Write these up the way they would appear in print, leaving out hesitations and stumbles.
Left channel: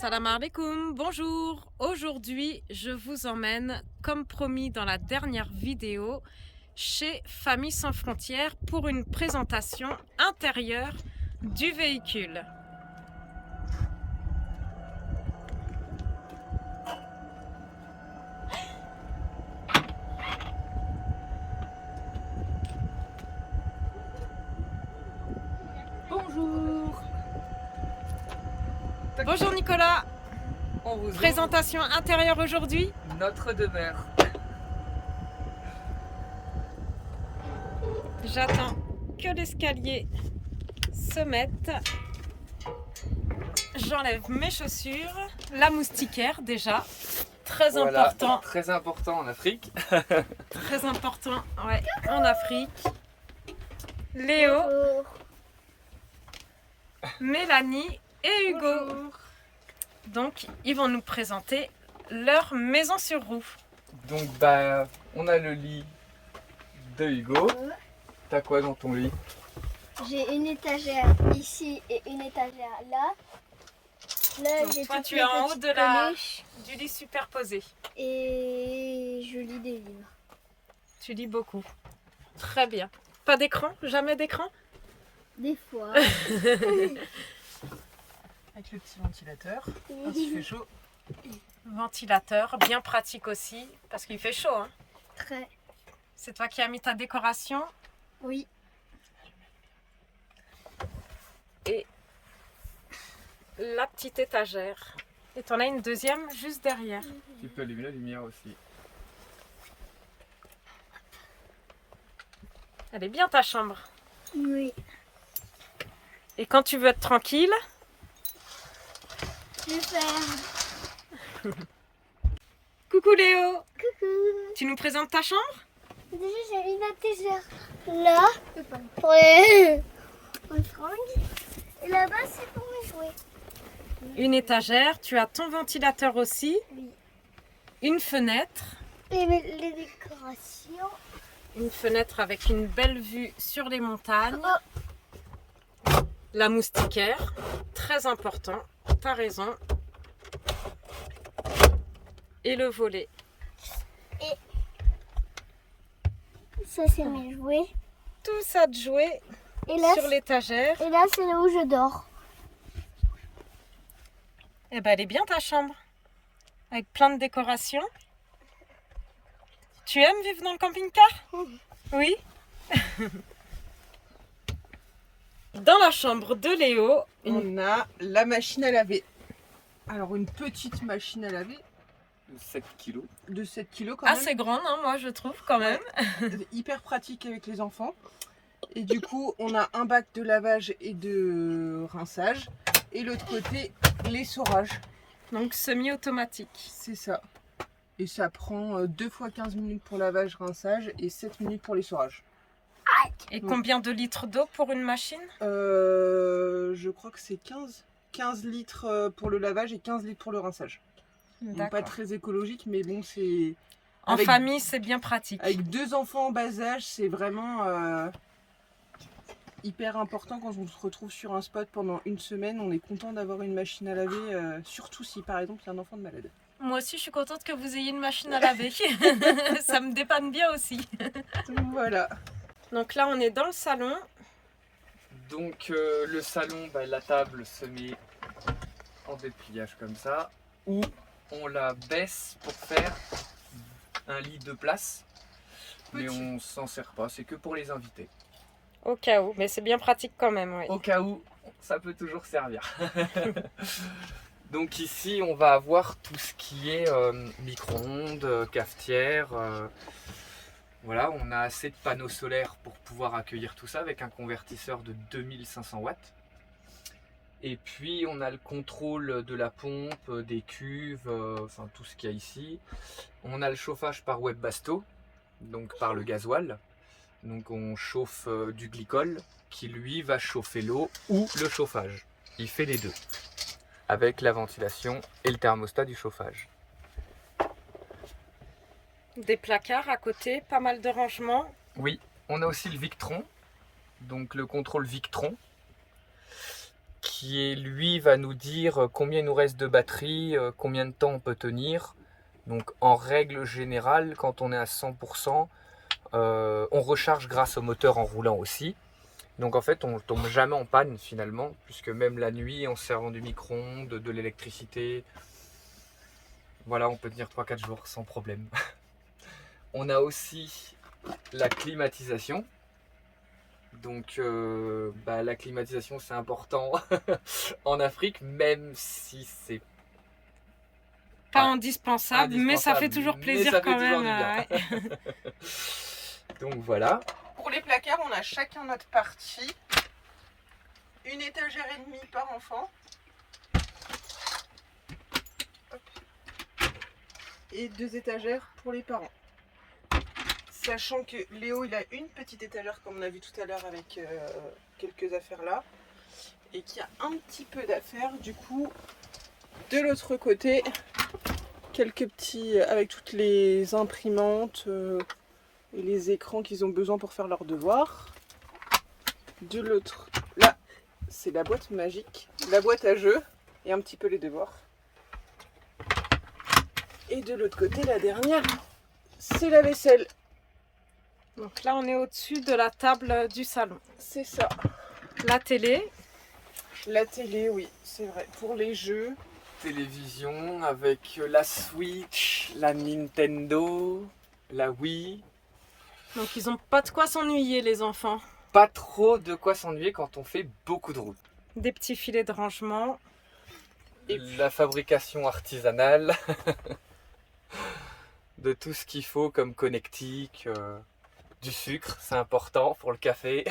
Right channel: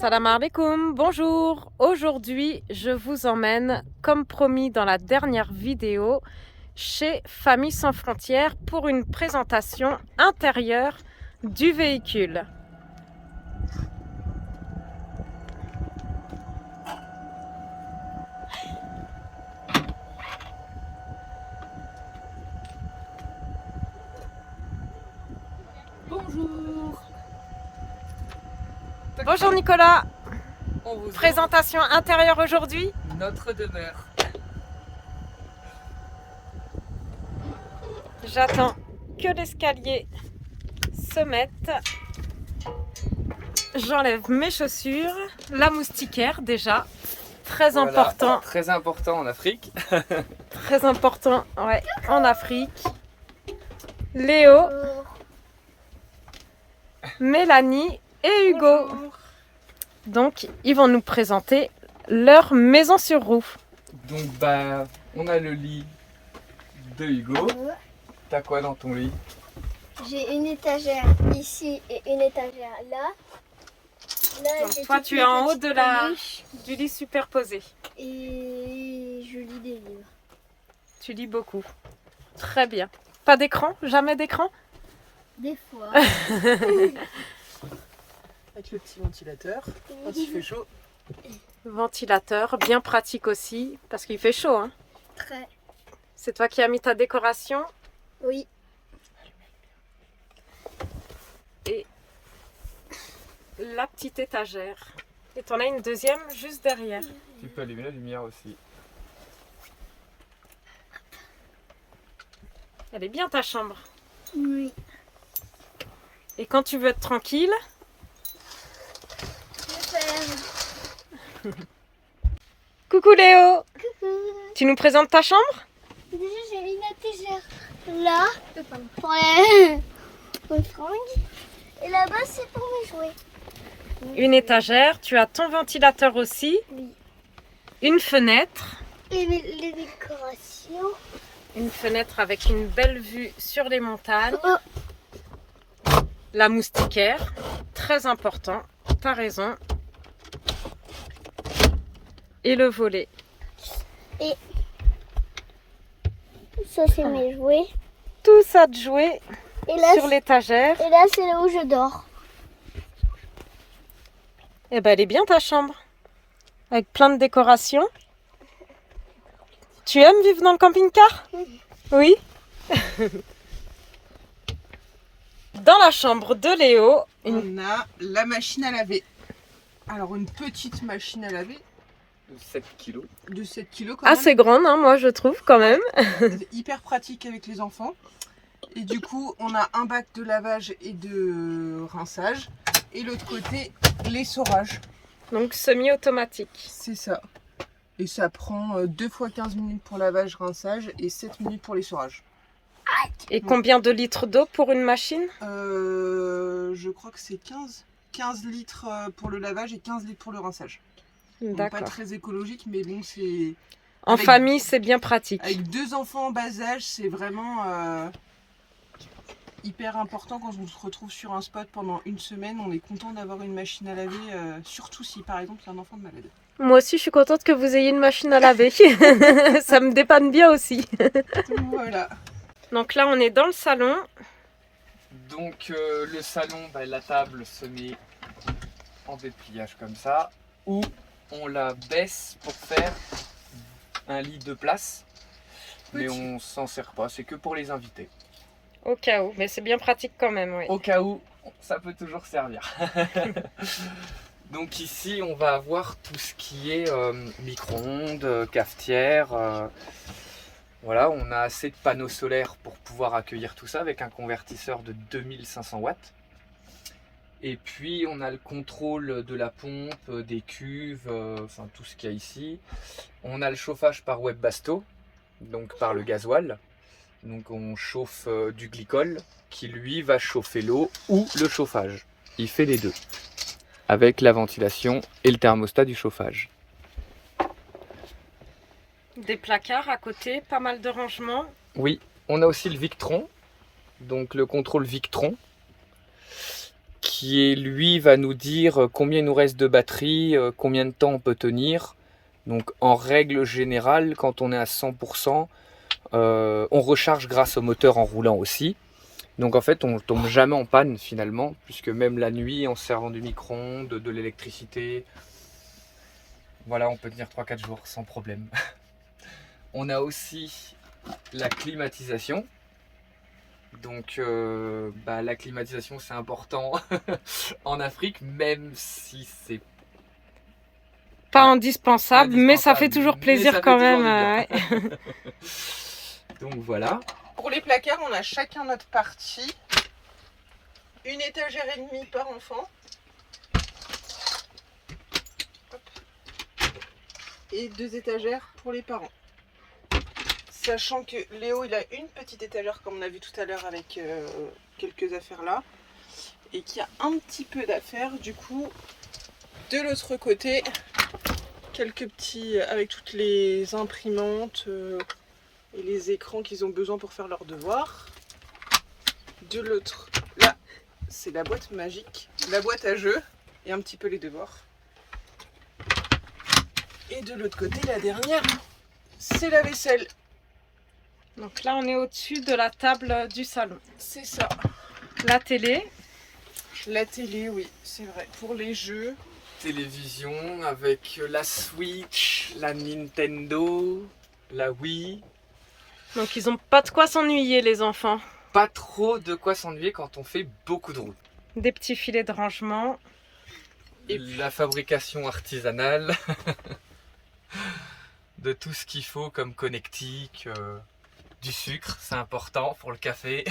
Salam alaikum, bonjour. Aujourd'hui, je vous emmène, comme promis dans la dernière vidéo, chez Famille Sans Frontières pour une présentation intérieure du véhicule. Bonjour. Bonjour Nicolas, On vous présentation intérieure aujourd'hui. ouvre notre demeure. J'attends que l'escalier se mette. J'enlève mes chaussures, la moustiquaire déjà, très Voilà, important. très important en Afrique. Très important, ouais, en Afrique. Léo, Mélanie et Hugo. Bonjour. Donc, ils vont nous présenter leur maison sur roue. Donc on a le lit de Hugo. T'as quoi dans ton lit? J'ai une étagère ici et une étagère là. Là, Donc, j'ai toi, toutes tu mes es en haut petites de la- peluches Du lit superposé. et je lis des livres. Tu lis beaucoup. Très bien. Pas d'écran? Jamais d'écran? Des fois. Avec le petit ventilateur. Quand il fait chaud. Ventilateur, bien pratique aussi, parce qu'il fait chaud. Hein. Très. C'est toi qui as mis ta décoration. Oui. Et la petite étagère. Et t'en as une deuxième juste derrière. Tu peux allumer la lumière aussi. Elle est bien ta chambre. Oui. Et quand tu veux être tranquille, Je ferme. coucou Léo, Coucou. tu nous présentes ta chambre? Déjà, j'ai mis ma étagère là pour les fringues. Et là-bas, c'est pour mes jouets. Une étagère, tu as ton ventilateur aussi, Oui. une fenêtre. Et les décorations. Une fenêtre avec une belle vue sur les montagnes. Oh. La moustiquaire, très important, t'as raison. Et le volet. Ça, c'est mes jouets. Tout ça de jouer Et là, sur l'étagère. et là, c'est là où je dors. Eh ben, elle est bien ta chambre. Avec plein de décorations. Tu aimes vivre dans le camping-car? Oui. Dans la chambre de Léo, On a la machine à laver. Alors une petite machine à laver 7 kilos. de 7 kg quand assez grande, hein, moi je trouve quand même. même. Hyper pratique avec les enfants. Et du coup on a un bac de lavage et de rinçage. Et l'autre côté l'essorage. Donc semi-automatique. C'est ça. Et ça prend 2 fois 15 minutes pour lavage, rinçage et 7 minutes pour l'essorage. Et combien de litres d'eau pour une machine? Je crois que c'est 15 litres pour le lavage et 15 litres pour le rinçage. Donc, pas D'accord. très écologique mais bon c'est... En avec- famille, c'est bien pratique. Avec 2 enfants en bas âge, c'est vraiment hyper important quand on se retrouve sur un spot pendant une semaine. On est content d'avoir une machine à laver, surtout si par exemple il y a un enfant de malade. Moi aussi, je suis contente que vous ayez une machine à laver. Ça me dépanne bien aussi. Donc voilà. Donc là, on est dans le salon. Donc le salon, la table se met en dépliage comme ça. Ou on la baisse pour faire un lit de place. Mais Petit. on s'en sert pas, c'est que pour les invités. Au cas où, mais c'est bien pratique quand même, oui. Au cas où, ça peut toujours servir. Donc ici, on va avoir tout ce qui est micro-ondes, cafetière. Voilà, on a assez de panneaux solaires pour pouvoir accueillir tout ça avec un convertisseur de 2500 watts. Et puis on a le contrôle de la pompe, des cuves, enfin tout ce qu'il y a ici. On a le chauffage par Webbasto, donc par le gasoil. Donc on chauffe du glycol qui lui va chauffer l'eau ou le chauffage. Il fait les deux, avec la ventilation et le thermostat du chauffage. Des placards à côté, pas mal de rangements. Oui, on a aussi le Victron, donc le contrôle Victron, qui est, lui, va nous dire combien il nous reste de batterie, combien de temps on peut tenir. Donc en règle générale, quand on est à 100%, on recharge grâce au moteur en roulant aussi. Donc en fait, on ne tombe jamais en panne finalement, puisque même la nuit, en se servant du micro-ondes, de l'électricité, voilà, on peut tenir 3-4 jours sans problème. On a aussi la climatisation. Donc la climatisation, c'est important en Afrique, même si c'est Pas indispensable, mais ça fait toujours plaisir quand même. Ouais. Donc voilà. Pour les placards, on a chacun notre partie. Une étagère et demie par enfant. Et 2 étagères pour les parents. Sachant que Léo, il a une petite étagère comme on a vu tout à l'heure avec quelques affaires là. Et qu'il y a un petit peu d'affaires. Du coup, de l'autre côté, quelques petits avec toutes les imprimantes et les écrans qu'ils ont besoin pour faire leurs devoirs. De l'autre, là, c'est la boîte magique, la boîte à jeux et un petit peu les devoirs. Et de l'autre côté, la dernière, c'est la vaisselle. Donc là, on est au-dessus de la table du salon. C'est ça. La télé. La télé, oui, c'est vrai. Pour les jeux. Télévision avec la Switch, la Nintendo, la Wii. Donc ils n'ont pas de quoi s'ennuyer, les enfants. Pas trop de quoi s'ennuyer quand on fait beaucoup de routes. Des petits filets de rangement. Et la fabrication artisanale de tout ce qu'il faut comme connectique, du sucre, c'est important pour le café.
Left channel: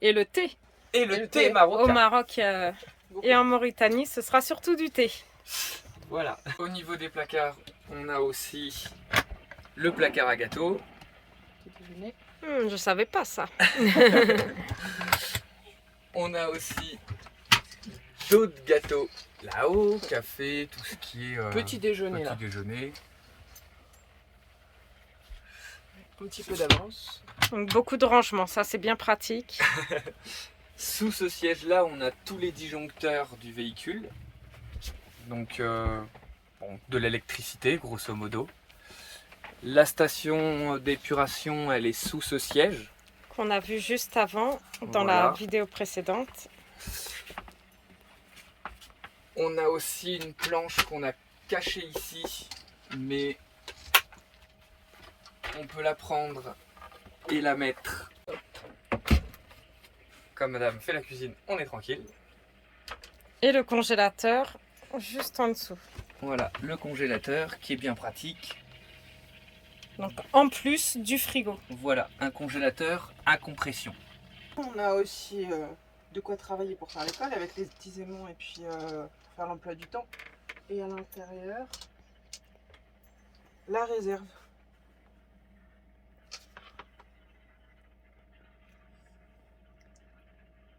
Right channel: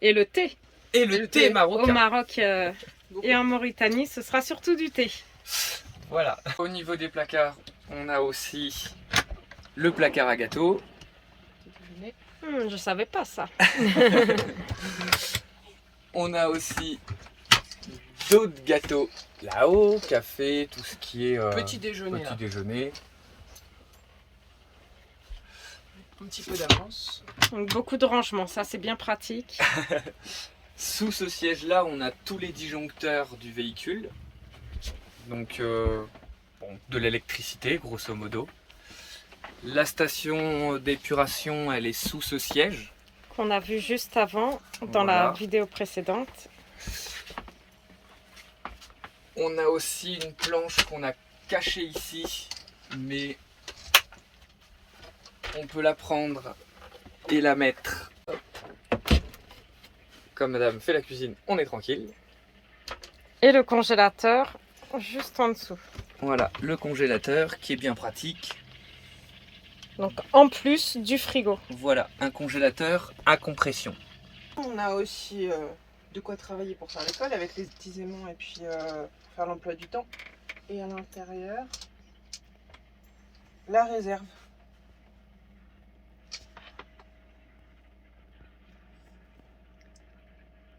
Et le thé. Et le thé marocain. Au Maroc et en Mauritanie, ce sera surtout du thé. Voilà. Au niveau des placards, on a aussi le placard à gâteaux. Je savais pas ça. On a aussi d'autres gâteaux là-haut, café, tout ce qui est Petit déjeuner. petit déjeuner. Un petit peu d'avance. Donc beaucoup de rangement, ça c'est bien pratique. Sous ce siège-là, on a tous les disjoncteurs du véhicule. Donc de l'électricité, grosso modo. La station d'épuration, elle est sous ce siège. Qu'on a vu juste avant dans la vidéo précédente. On a aussi une planche qu'on a cachée ici, mais on peut la prendre et la mettre. Hop. Comme madame fait la cuisine, on est tranquille. Et le congélateur juste en dessous. Voilà, le congélateur qui est bien pratique. Donc en plus du frigo. Voilà, un congélateur à compression. On a aussi de quoi travailler pour faire l'école avec les petits aimants et puis pour faire l'emploi du temps. Et à l'intérieur, la réserve.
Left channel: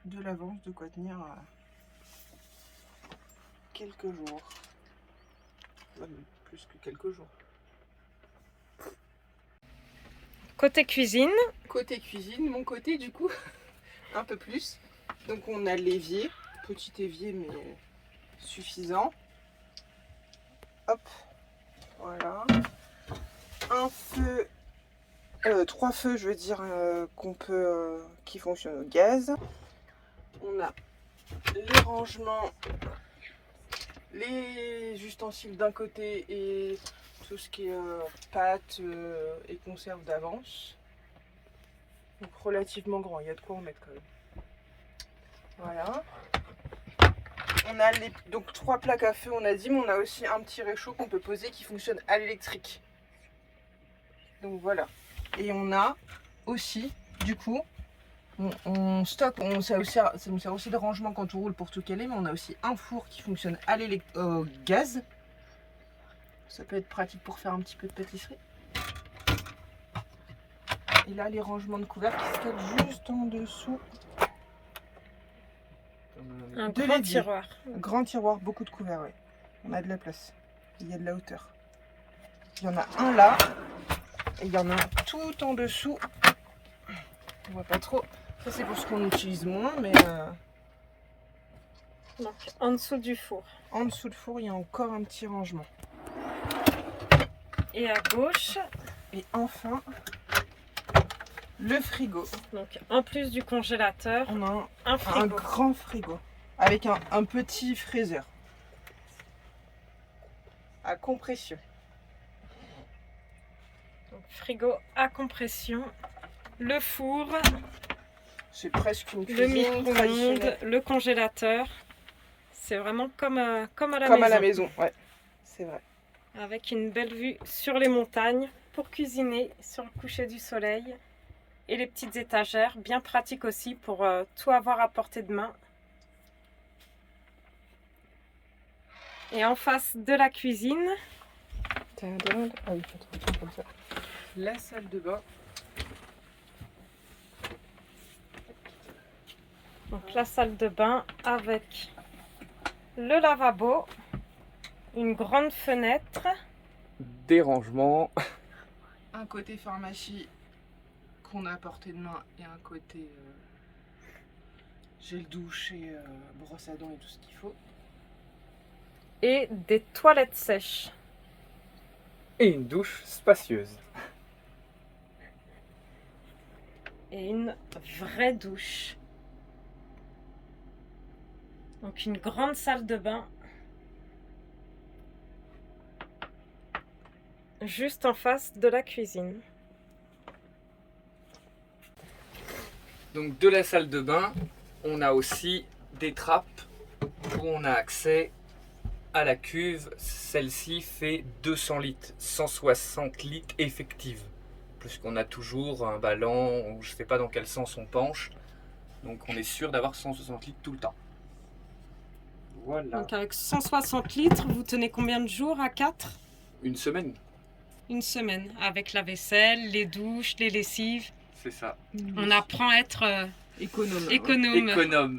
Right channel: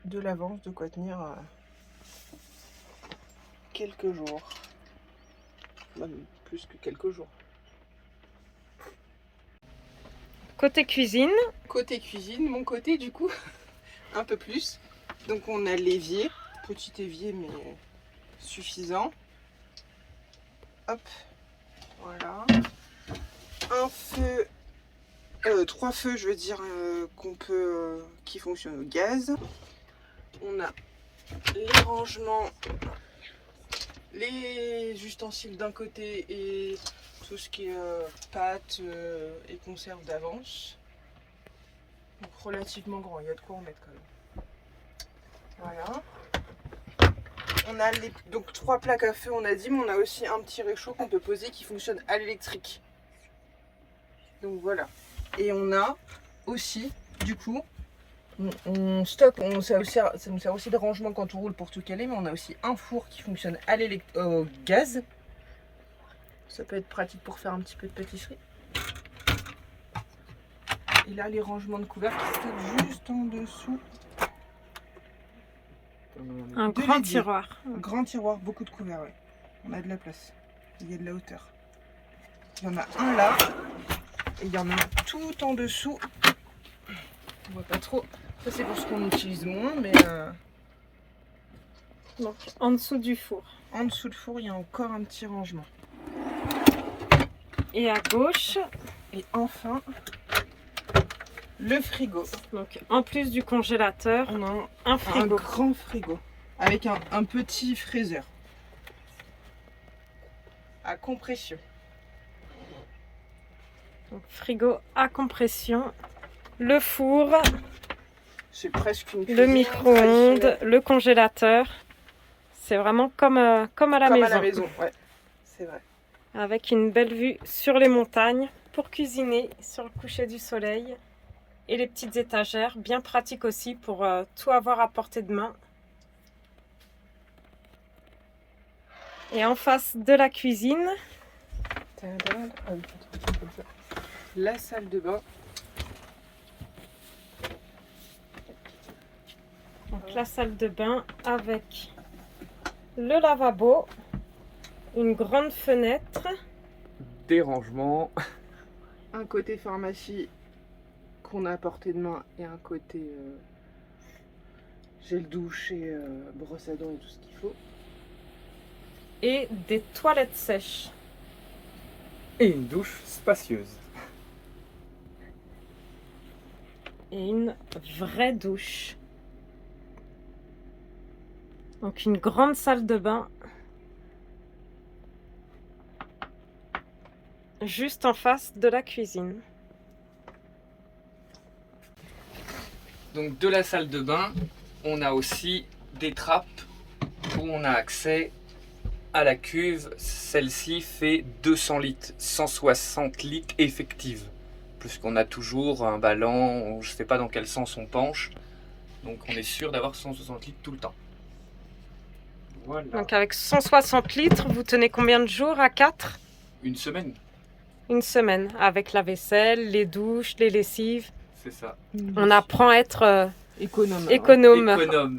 De l'avance, de quoi tenir quelques jours. Même plus que quelques jours. Côté cuisine. Côté cuisine, mon côté du coup, un peu plus. Donc on a l'évier, petit évier mais suffisant. Hop, voilà. Un feu, 3 feux je veux dire qui fonctionnent au gaz. On a les rangements, les ustensiles d'un côté et tout ce qui est pâtes et conserves d'avance. Donc relativement grand, il y a de quoi en mettre quand même. Voilà. On a donc 3 plaques à feu, on a dit, mais on a aussi un petit réchaud qu'on peut poser qui fonctionne à l'électrique. Donc voilà. Et on a aussi, du coup, on stocke, ça nous sert aussi de rangement quand on roule pour tout caler, mais on a aussi un four qui fonctionne à au gaz. Ça peut être pratique pour faire un petit peu de pâtisserie. Et là, les rangements de couverts qui se stockent juste en dessous. Un grand tiroir. Un grand tiroir, beaucoup de couverts, oui. On a de la place. Il y a de la hauteur. Il y en a un là. Et il y en a tout en dessous. On voit pas trop. Ça, c'est pour ce qu'on utilise moins, mais Donc en dessous du four. En dessous du four, il y a encore un petit rangement. Et à gauche, Et enfin, le frigo. donc en plus du congélateur, On a un un frigo. grand frigo avec un petit freezer à compression. Donc, frigo à compression, le four, C'est presque une le cuisine micro-ondes, traditionnelle. le congélateur. C'est vraiment comme à la Comme maison. à la maison, ouais, c'est vrai. Avec une belle vue sur les montagnes pour cuisiner sur le coucher du soleil. Et les petites étagères, bien pratiques aussi pour tout avoir à portée de main. Et en face de la cuisine, Tadam. Ah oui, attends, comme ça. La salle de bain. donc la salle de bain avec le lavabo, une grande fenêtre, Des rangements. Un côté pharmacie qu'on a à portée de main et un côté gel douche et brosse à dents et tout ce qu'il faut. et des toilettes sèches. Et une douche spacieuse. Et une vraie douche. Donc une grande salle de bain. Juste en face de la cuisine. Donc de la salle de bain, on a aussi des trappes où on a accès à la cuve. Celle-ci fait 200 litres, 160 litres effectives. Puisqu'on a toujours un ballon, je ne sais pas dans quel sens on penche. Donc on est sûr d'avoir 160 litres tout le temps. Voilà. Donc avec 160 litres, vous tenez combien de jours à 4? Une semaine, Une semaine, avec la vaisselle, les douches, les lessives. c'est ça. On apprend à être Économe. économe. Économe.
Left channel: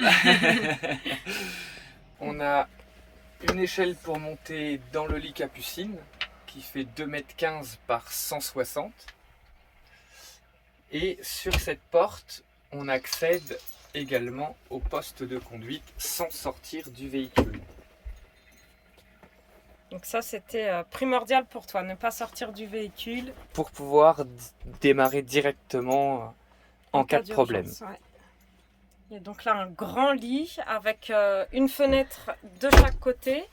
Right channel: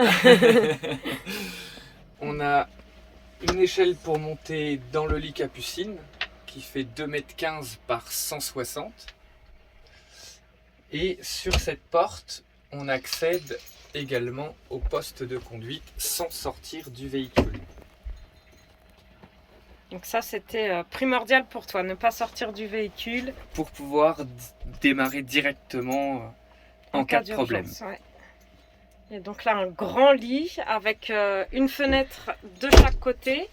On a une échelle pour monter dans le lit Capucine qui fait 2,15 m par 160. Et sur cette porte, on accède également au poste de conduite sans sortir du véhicule. Donc ça, c'était primordial pour toi, ne pas sortir du véhicule Pour pouvoir démarrer directement en cas de problème. d'urgence, ouais. Et donc là, un grand lit avec une fenêtre de chaque côté.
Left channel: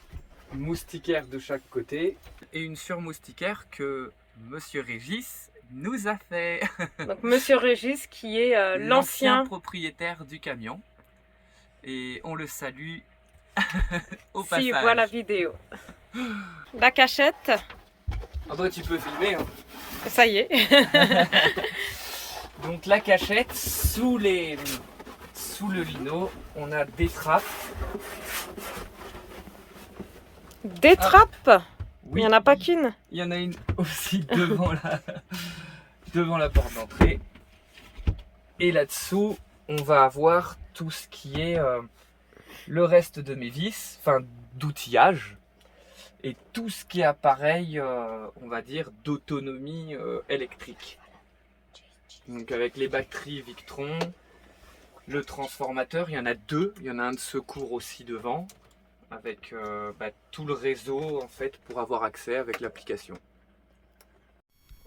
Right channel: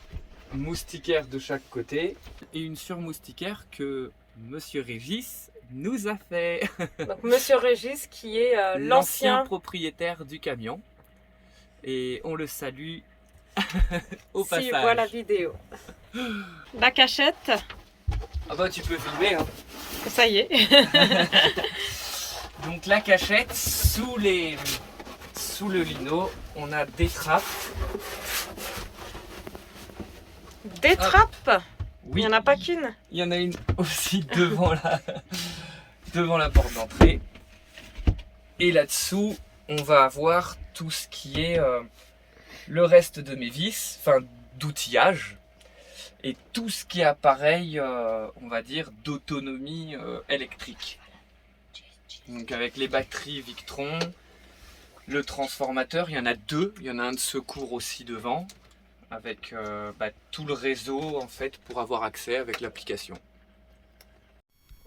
Moustiquaire de chaque côté et une surmoustiquaire que Monsieur Régis nous a fait. Donc Monsieur Régis qui est L'ancien l'ancien... propriétaire du camion. Et on le salue au Si passage. voit la vidéo. La cachette, Ah bah tu peux filmer hein. ça y est. Donc la cachette, sous le lino, on a des trappes. Des trappes, Oui, il n'y en a pas qu'une. il y en a une aussi devant la porte d'entrée. Et là-dessous, on va avoir tout ce qui est le reste de mes vis, enfin d'outillage. Et tout ce qui est appareil, on va dire, d'autonomie électrique. Donc avec les batteries Victron, le transformateur, il y en a deux. Il y en a un de secours aussi devant, avec tout le réseau en fait pour avoir accès avec l'application.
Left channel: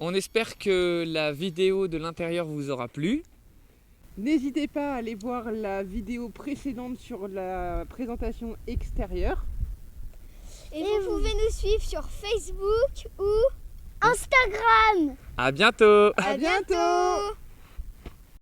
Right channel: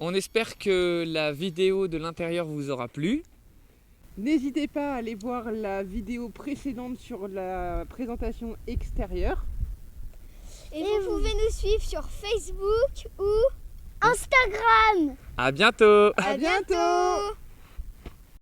On espère que la vidéo de l'intérieur vous aura plu. N'hésitez pas à aller voir la vidéo précédente sur la présentation extérieure. Et vous pouvez nous suivre sur Facebook ou Instagram. À bientôt! À bientôt.